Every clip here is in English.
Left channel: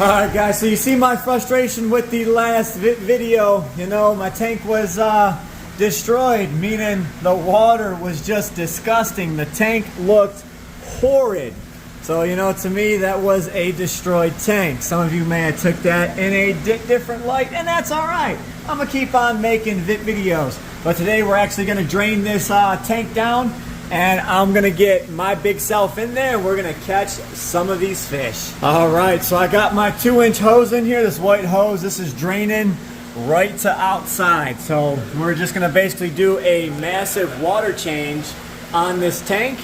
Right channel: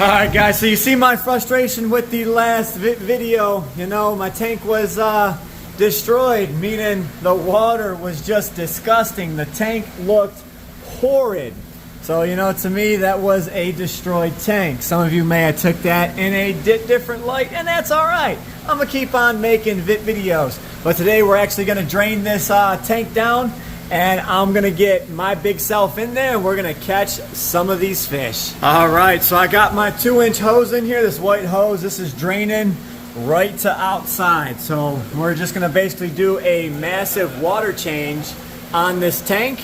Alright guys, so you see my frustration with the last video. You know, my tank was destroyed, meaning the water was just disgusting. The tank looked horrid. So, you know, to me that was a destroyed tank. Some of you may have took that in a different light, and that's alright. I'm going to keep on making videos. But today we're actually going to drain this tank down, and I'm going to get my big self in there, and we're going to catch some of these fish. Alright, so I got my 2-inch hose in here, this white hose. This is draining right to outside. So we're just going to basically do a massive water change on this tank.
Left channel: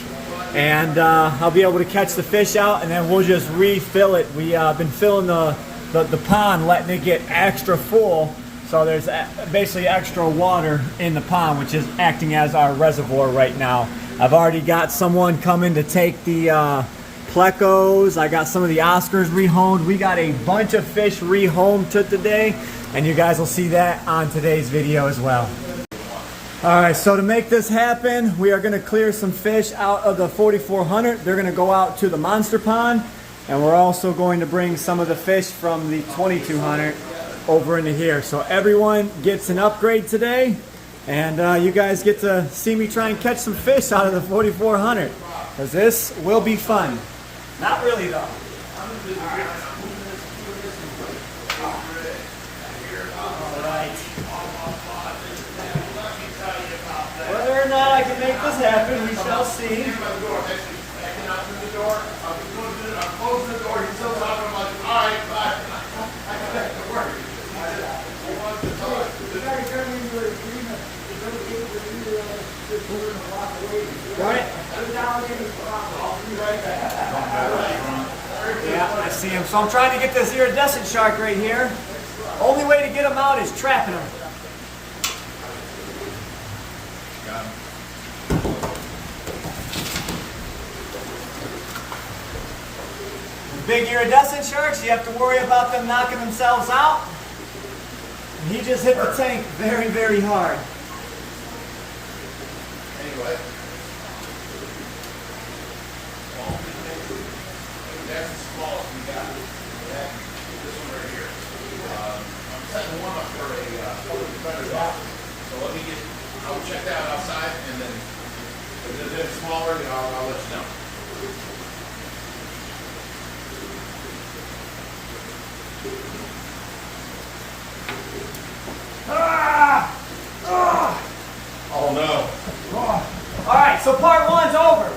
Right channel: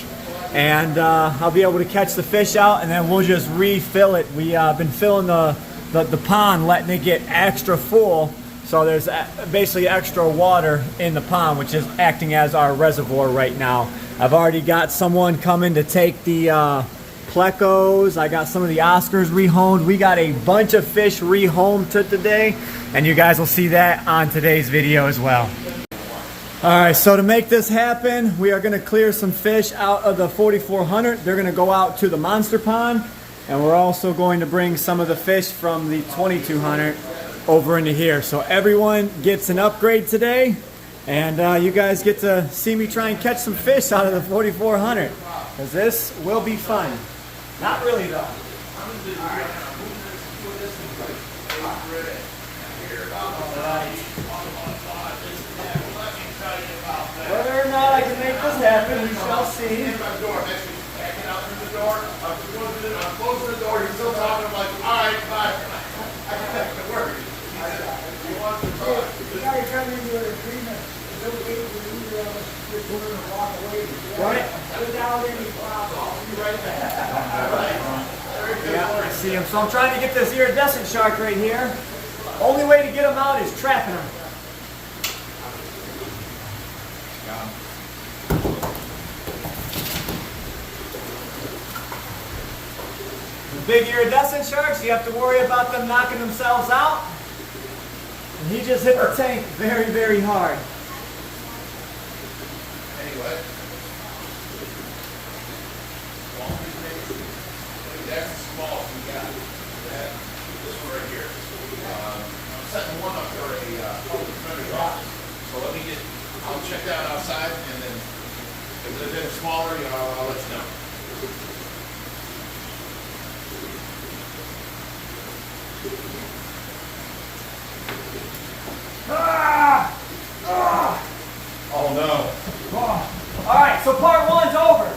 And I'll be able to catch the fish out, and then we'll just refill it. We've been filling the pond, letting it get extra full. So there's basically extra water in the pond, which is acting as our reservoir right now. I've already got someone coming to take the plecos. I got some of the Oscars rehomed. We got a bunch of fish rehomed today, and you guys will see that on today's video as well. Alright, so to make this happen, we are going to clear some fish out of the 4400. They're going to go out to the monster pond, and we're also going to bring some of the fish from the 2200 over into here. So everyone gets an upgrade today, and you guys get to see me try and catch some fish out of the 4400, because this will be fun. Not really though. Whether or not I can make this happen, we shall see. I'm closing the door. He's still talking. I'm like, all right, bye. I can make it work. He wants to talk. You got to come into an agreement. It's okay for either of us to put in a block away. Right? Without any problem. I'll be right back. All right. Yeah, I see him. So I'm trying to get this iridescent shark right here. Only way to get him out is trapping him. Big iridescent sharks, you have to worry about them knocking themselves out. And he just hit the tank very, very hard. Anyway. That's the smallest we got. Yeah. This one right here. I'm setting one up for a public defender's office. So let me get, I'll check that outside, and then if there's anything smaller, you know, I'll let you know. Ah! Ah! Oh no. Oh. All right, so part one's over.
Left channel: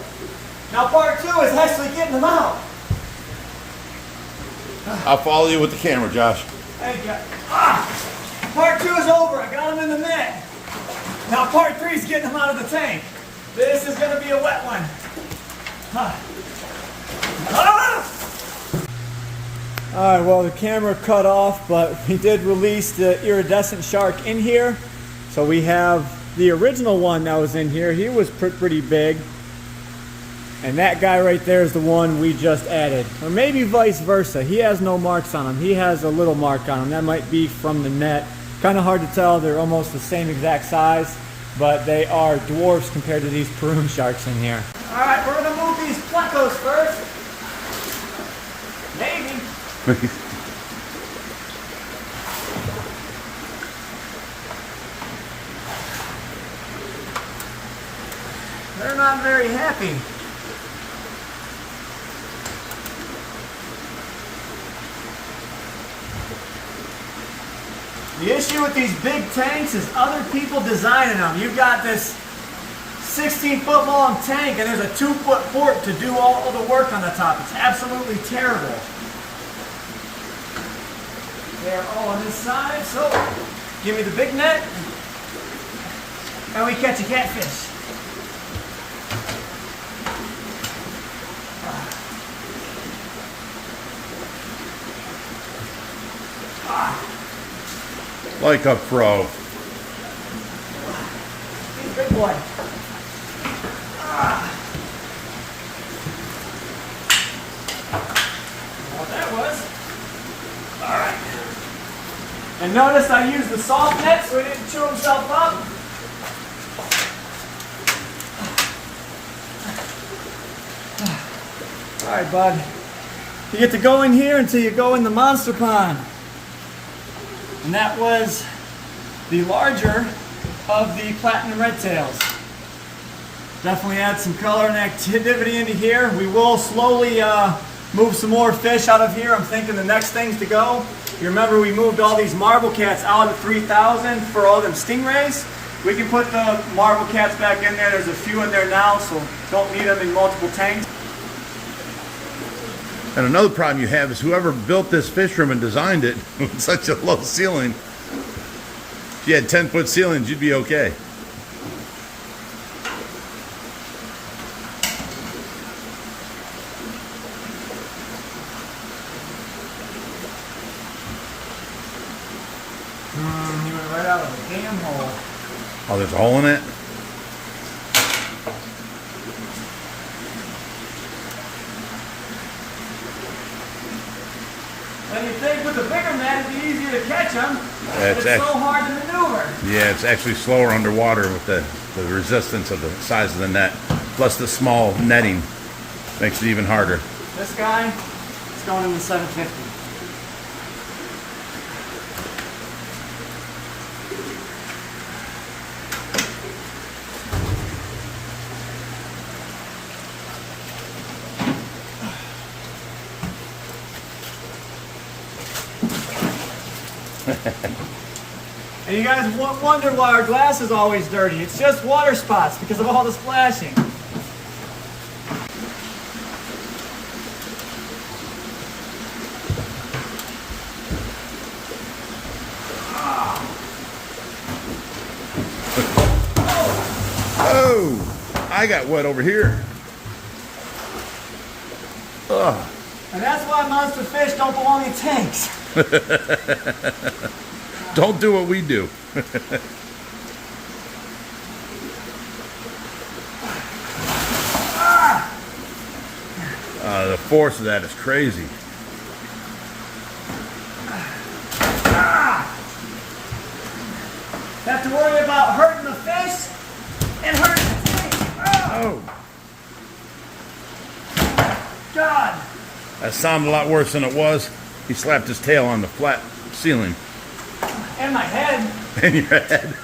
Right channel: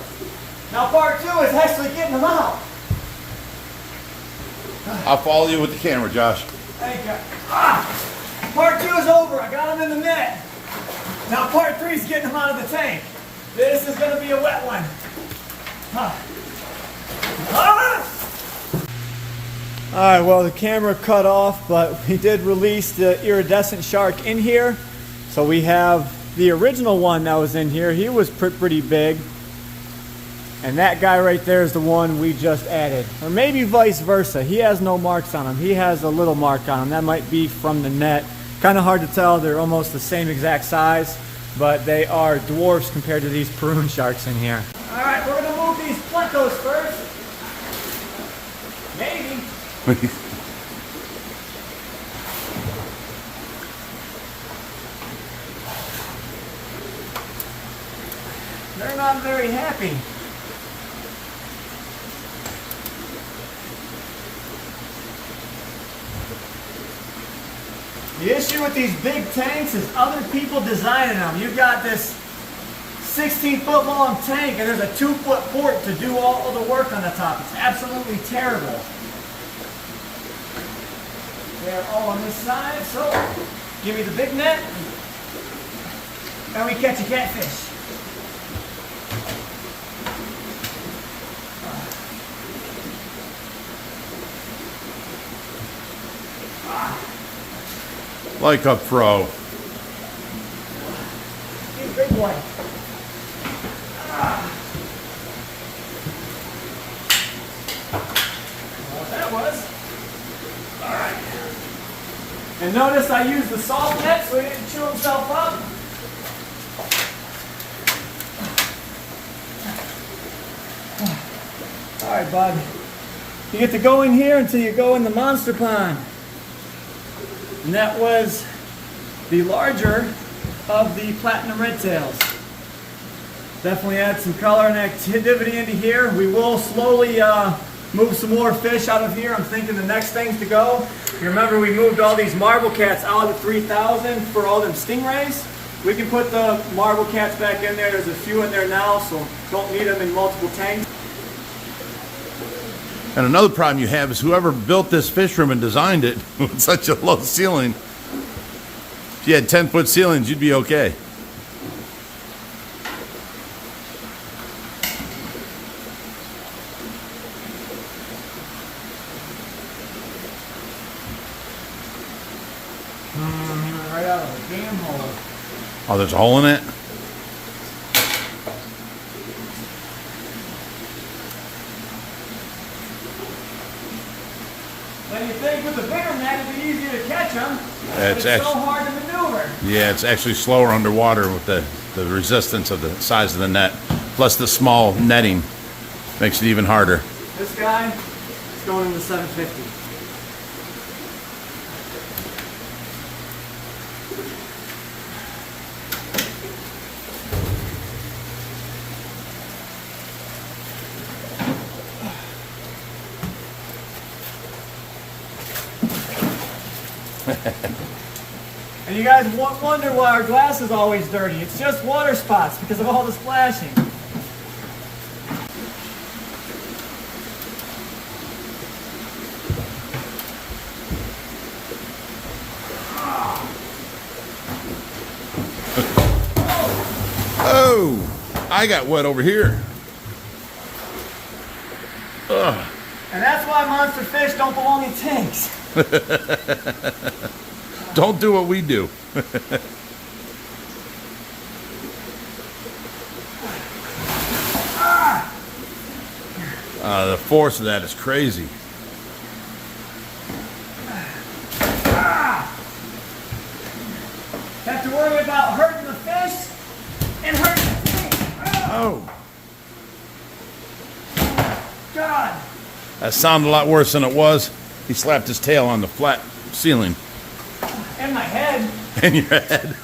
Now part two is actually getting them out. I'll follow you with the camera, Josh. Thank you. Ah! Part two is over. I got them in the net. Now part three is getting them out of the tank. This is going to be a wet one. Ah! Ah! All right, well, the camera cut off, but we did release the iridescent shark in here. So we have the original one that was in here. He was pretty big. And that guy right there is the one we just added. Or maybe vice versa. He has no marks on him. He has a little mark on him. That might be from the net. Kind of hard to tell. They're almost the same exact size, but they are dwarfs compared to these paroon sharks in here. All right, we're going to move these plecos first. Maybe. They're not very happy. The issue with these big tanks is other people designing them. You've got this 16-foot long tank, and there's a 2-foot port to do all of the work on the top. It's absolutely terrible. They're all on this side, so give me the big net, and we catch a catfish. Like a pro. He's a big boy. What that was. All right. And notice I used the soft net so he didn't chew himself up. All right, bud. You get to go in here until you go in the monster pond. And that was the larger of the platinum redtails. Definitely add some color and activity into here. We will slowly move some more fish out of here. I'm thinking the next things to go. You remember we moved all these marble cats out at 3,000 for all them stingrays. We can put the marble cats back in there. There's a few in there now, so don't need them in multiple tanks. And another problem you have is whoever built this fish room and designed it with such a low ceiling, if you had 10-foot ceilings, you'd be okay. He went right out of the damn hole. Oh, there's a hole in it? Well, you think with the bigger net it'd be easier to catch them, Yeah, but it's so hard to maneuver. Yeah, it's actually slower underwater with the resistance of the size of the net. Plus the small netting makes it even harder. This guy is going in the 750. And you guys wonder why our glass is always dirty. It's just water spots because of all the splashing. Oh, I got wet over here. Ugh. And that's why monster fish don't belong in tanks. Don't do what we do. The force of that is crazy. Have to worry about hurting the fish and hurting the tank. Oh, God. that sounded a lot worse than it was. He slapped his tail on the flat ceiling. And my head. In your head.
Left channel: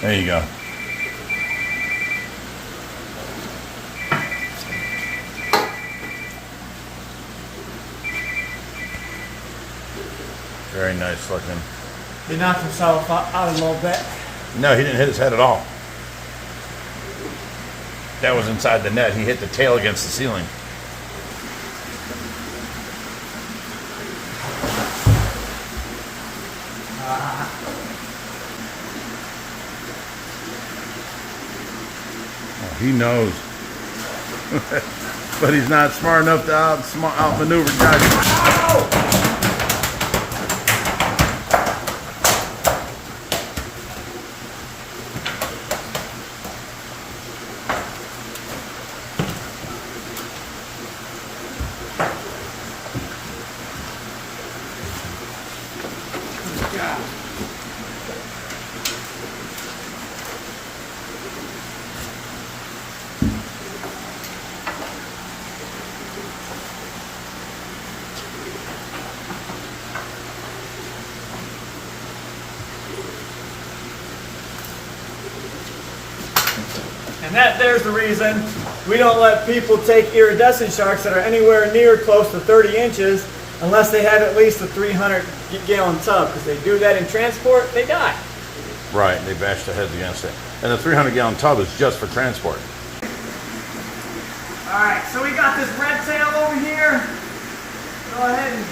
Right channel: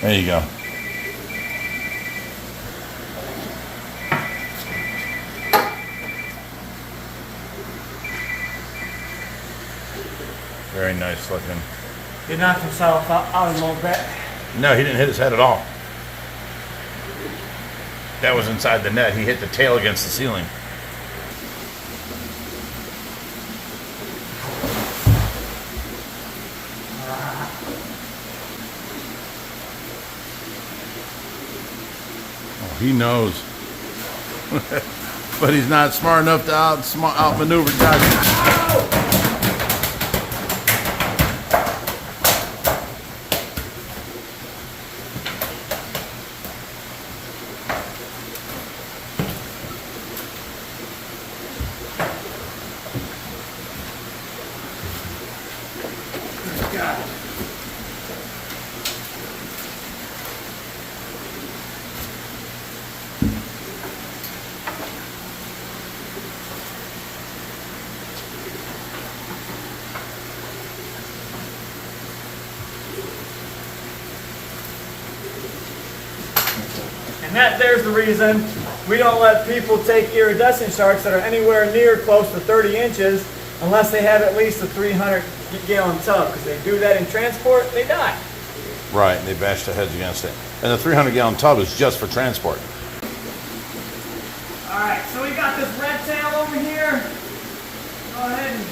There you go. Very nice looking. He knocked himself out a little bit. No, he didn't hit his head at all. That was inside the net. He hit the tail against the ceiling. Oh, he knows. But he's not smart enough to outmaneuver guys. And that there's the reason we don't let people take iridescent sharks that are anywhere near close to 30 inches unless they have at least a 300-gallon tub. Because they do that in transport, they die. Right, they bash their heads against it. And the 300-gallon tub is just for transport. Alright, so we got this redtail over here. Go ahead and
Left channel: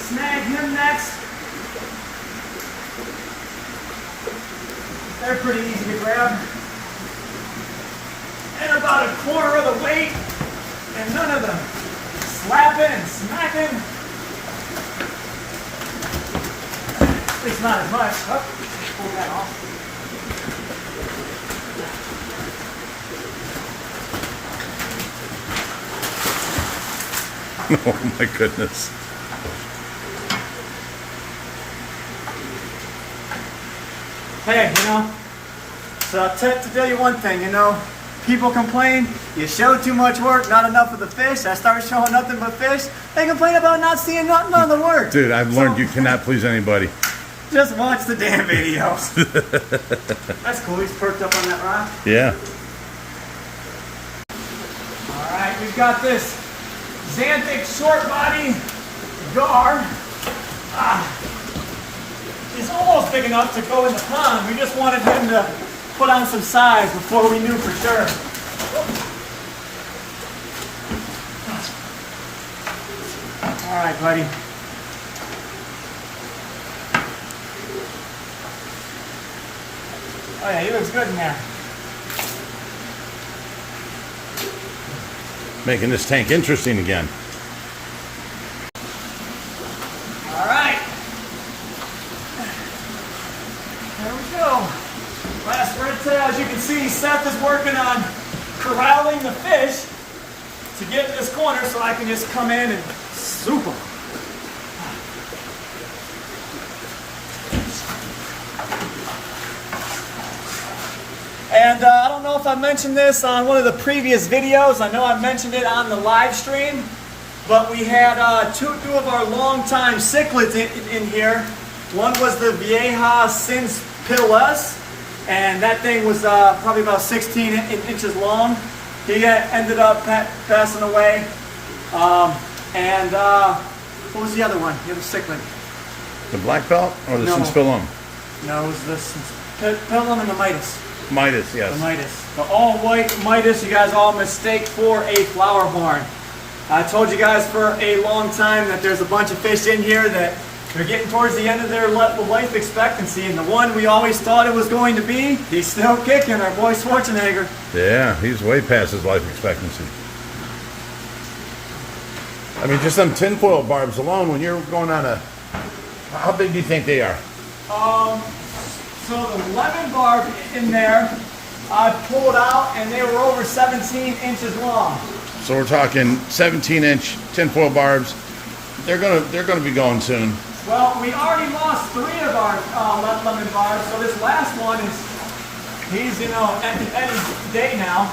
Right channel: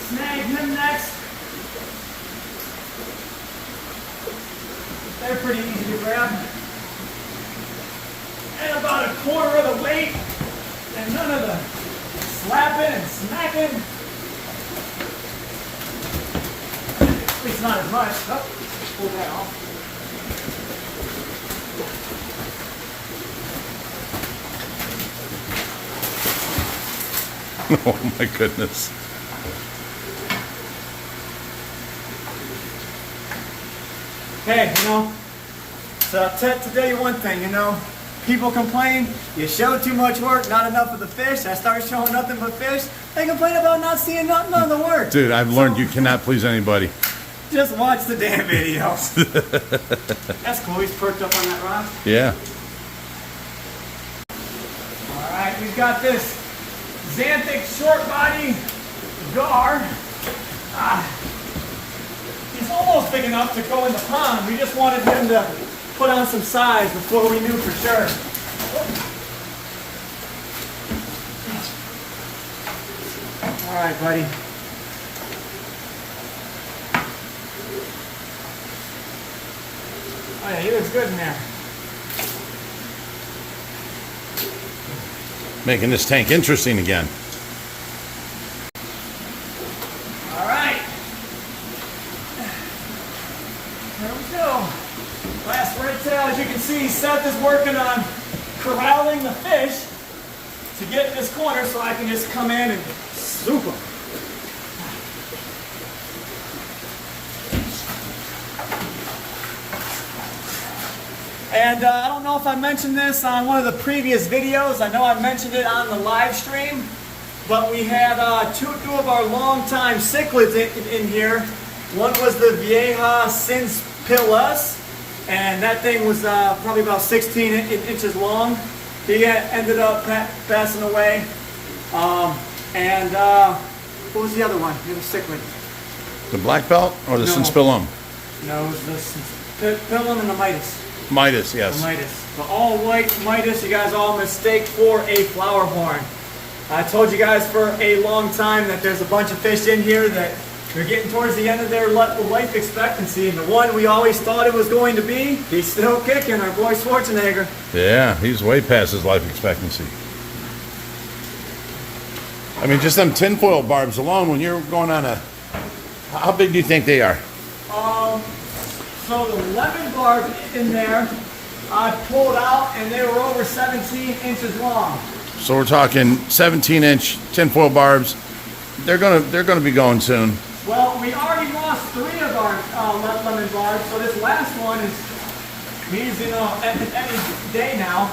snag him next. They're pretty easy to grab. And about a quarter of the weight, and none of the slapping and smacking. At least not as much. Oh, pull that off. Oh my goodness. Hey, you know, So I'll tell you one thing, you know, people complain, you show too much work, not enough of the fish. I start showing nothing but fish. They complain about not seeing none of the work. Dude, I've learned you cannot please anybody. Just watch the damn videos. That's cool, he's perked up on that rock. Yeah. Alright, we've got this xanthic short body gar. He's almost big enough to go in the pond. We just wanted him to put on some size before we knew for sure. Alright, buddy. Oh yeah, he looks good in there. Making this tank interesting again. Alright. There we go. Last redtail, as you can see, Seth is working on corralling the fish to get in this corner so I can just come in and swoop them. And I don't know if I mentioned this on one of the previous videos. I know I mentioned it on the live stream, but we had two of our longtime cichlids in here. One was the Vieja Sins Pilas, and that thing was probably about 16 inches long. He ended up passing away. What was the other one? The other cichlid? The black belt or the Sinspilum? No, it was the Sinspilum and the Midas. Midas, yes. The Midas. The all white Midas, you guys all mistake for a flower horn. I told you guys for a long time that there's a bunch of fish in here that they're getting towards the end of their life expectancy, and the one we always thought it was going to be, he's still kicking, our boy Schwarzenegger. Yeah, he's way past his life expectancy. I mean, just them tinfoil barbs alone, when you're going on a... How big do you think they are? So the lemon barb in there, I pulled out, and they were over 17 inches long. So we're talking 17-inch tinfoil barbs. They're gonna be going soon. Well, we already lost 3 of our lemon barbs, so this last one he's, you know, any day now.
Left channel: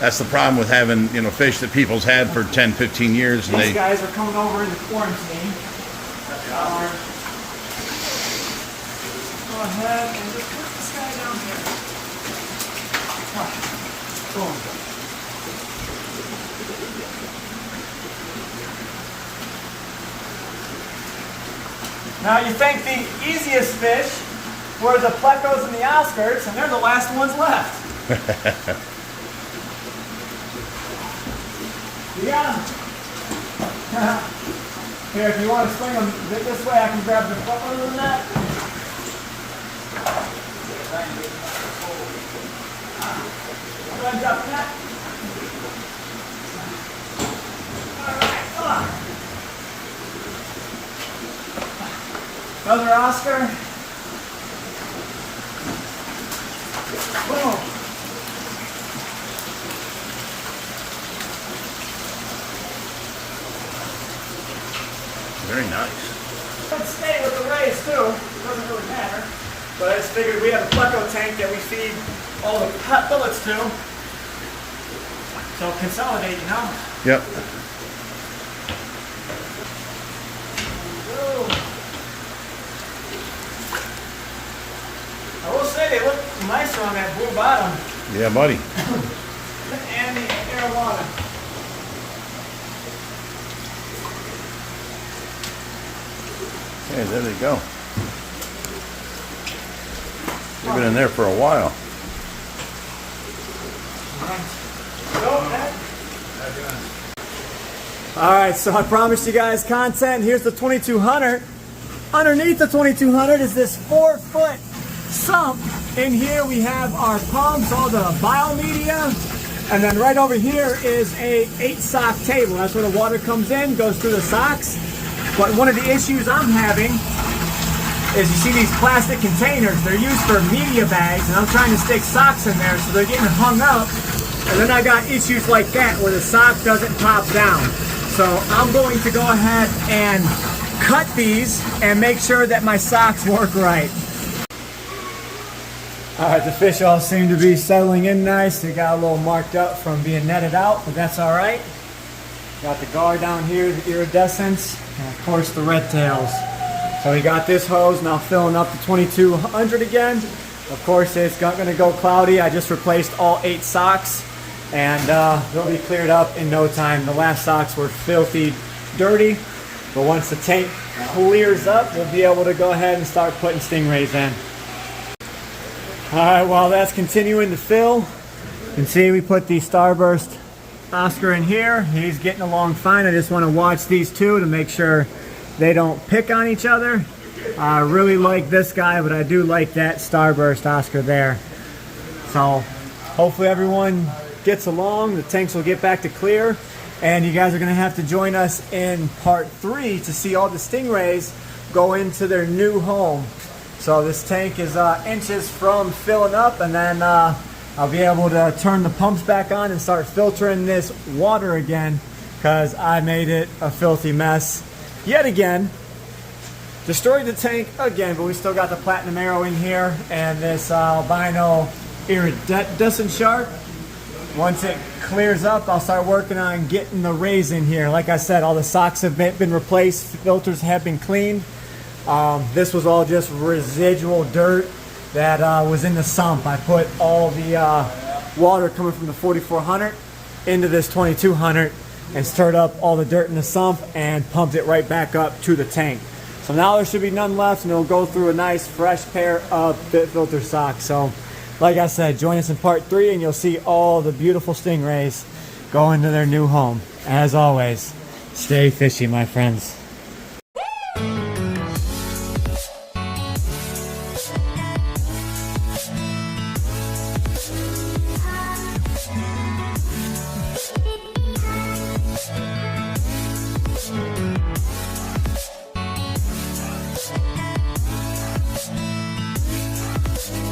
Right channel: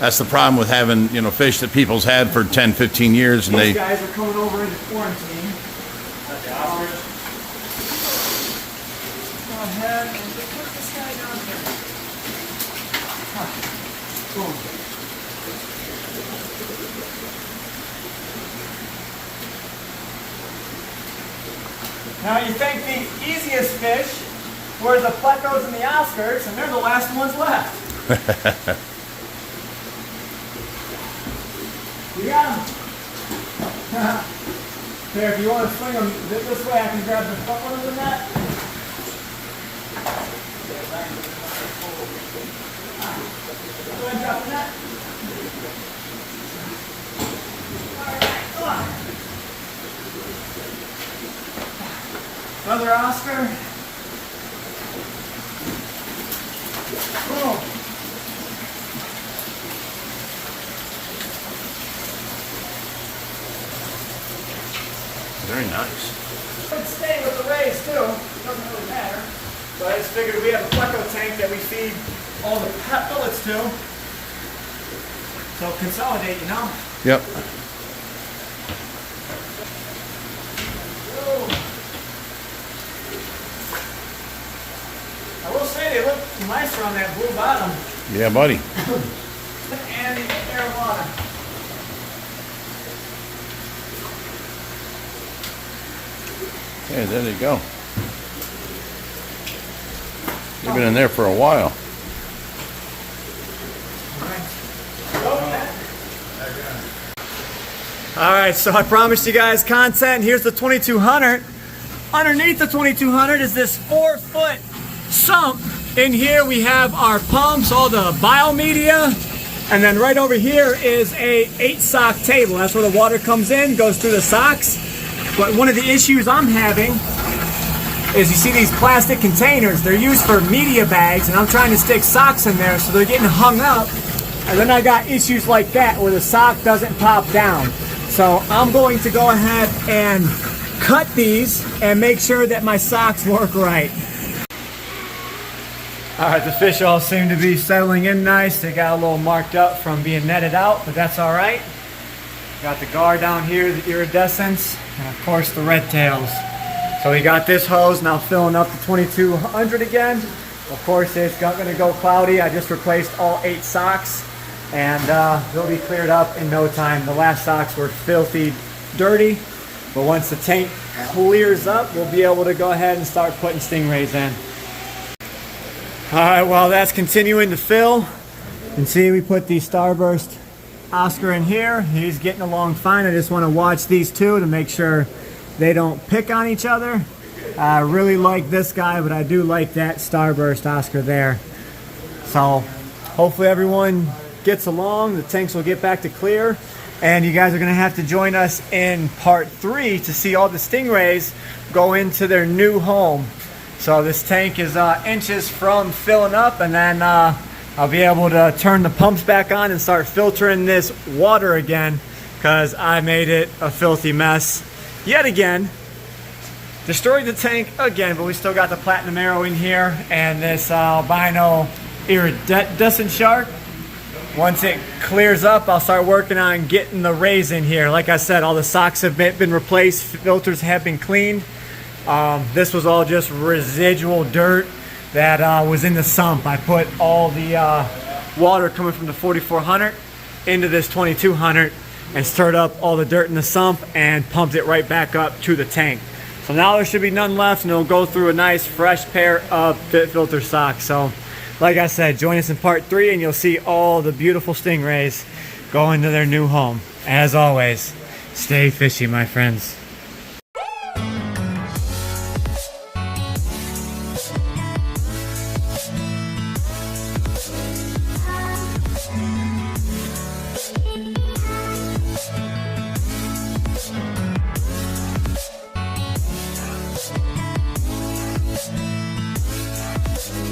That's the problem with having, you know, fish that people's had for 10, 15 years. And These guys are coming over into quarantine. Go ahead and just put this guy down here. Boom. Now you think the easiest fish were the plecos and the Oscars, and they're the last ones left. You got them. Here, if you want to swing them this way, I can grab the front one of the net. Go ahead and drop the net. All right. Another Oscar. Boom. Very nice. Could stay with the rays too. Doesn't really matter. But I just figured we have a pleco tank that we feed all the pellets to. So consolidate, you know. Yep. I will say they look nicer on that blue bottom. Yeah, buddy. And the arowana. Hey, there they go. They've been in there for a while. Alright, so I promised you guys content. Here's the 2200. Underneath the 2200 is this 4-foot sump. In here we have our pumps, all the biomedia, and then right over here is a 8-sock table. That's where the water comes in, goes through the socks. But one of the issues I'm having is, you see these plastic containers, they're used for media bags, and I'm trying to stick socks in there, so they're getting hung up. And then I got issues like that where the sock doesn't pop down. So I'm going to go ahead and cut these and make sure that my socks work right. All right, the fish all seem to be settling in nice. They got a little marked up from being netted out, but that's all right. Got the gar down here, the iridescents, and of course the red tails. So we got this hose now filling up to 2200 again. Of course, it's going to go cloudy. I just replaced all 8 socks, and they'll be cleared up in no time. The last socks were filthy dirty, but once the tank clears up, we'll be able to go ahead and start putting stingrays in. All right, while that's continuing to fill, you can see we put the Starburst Oscar in here. He's getting along fine. I just want to watch these two to make sure they don't pick on each other. I really like this guy, but I do like that Starburst Oscar there. So hopefully everyone gets along. The tanks will get back to clear, and you guys are going to have to join us in part 3 to see all the stingrays go into their new home. So this tank is inches from filling up, and then I'll be able to turn the pumps back on and start filtering this water again, because I made it a filthy mess yet again. Destroyed the tank again, but we still got the platinum arrow in here and this albino iridescent shark. Once it clears up, I'll start working on getting the rays in here. Like I said, all the socks have been replaced, filters have been cleaned. This was all just residual dirt that was in the sump. I put all the water coming from the 4400 into this 2200 and stirred up all the dirt in the sump and pumped it right back up to the tank. So now there should be none left, and it'll go through a nice fresh pair of fit filter socks. So like I said, join us in part 3 and you'll see all the beautiful stingrays go into their new home. As always, stay fishy, my friends.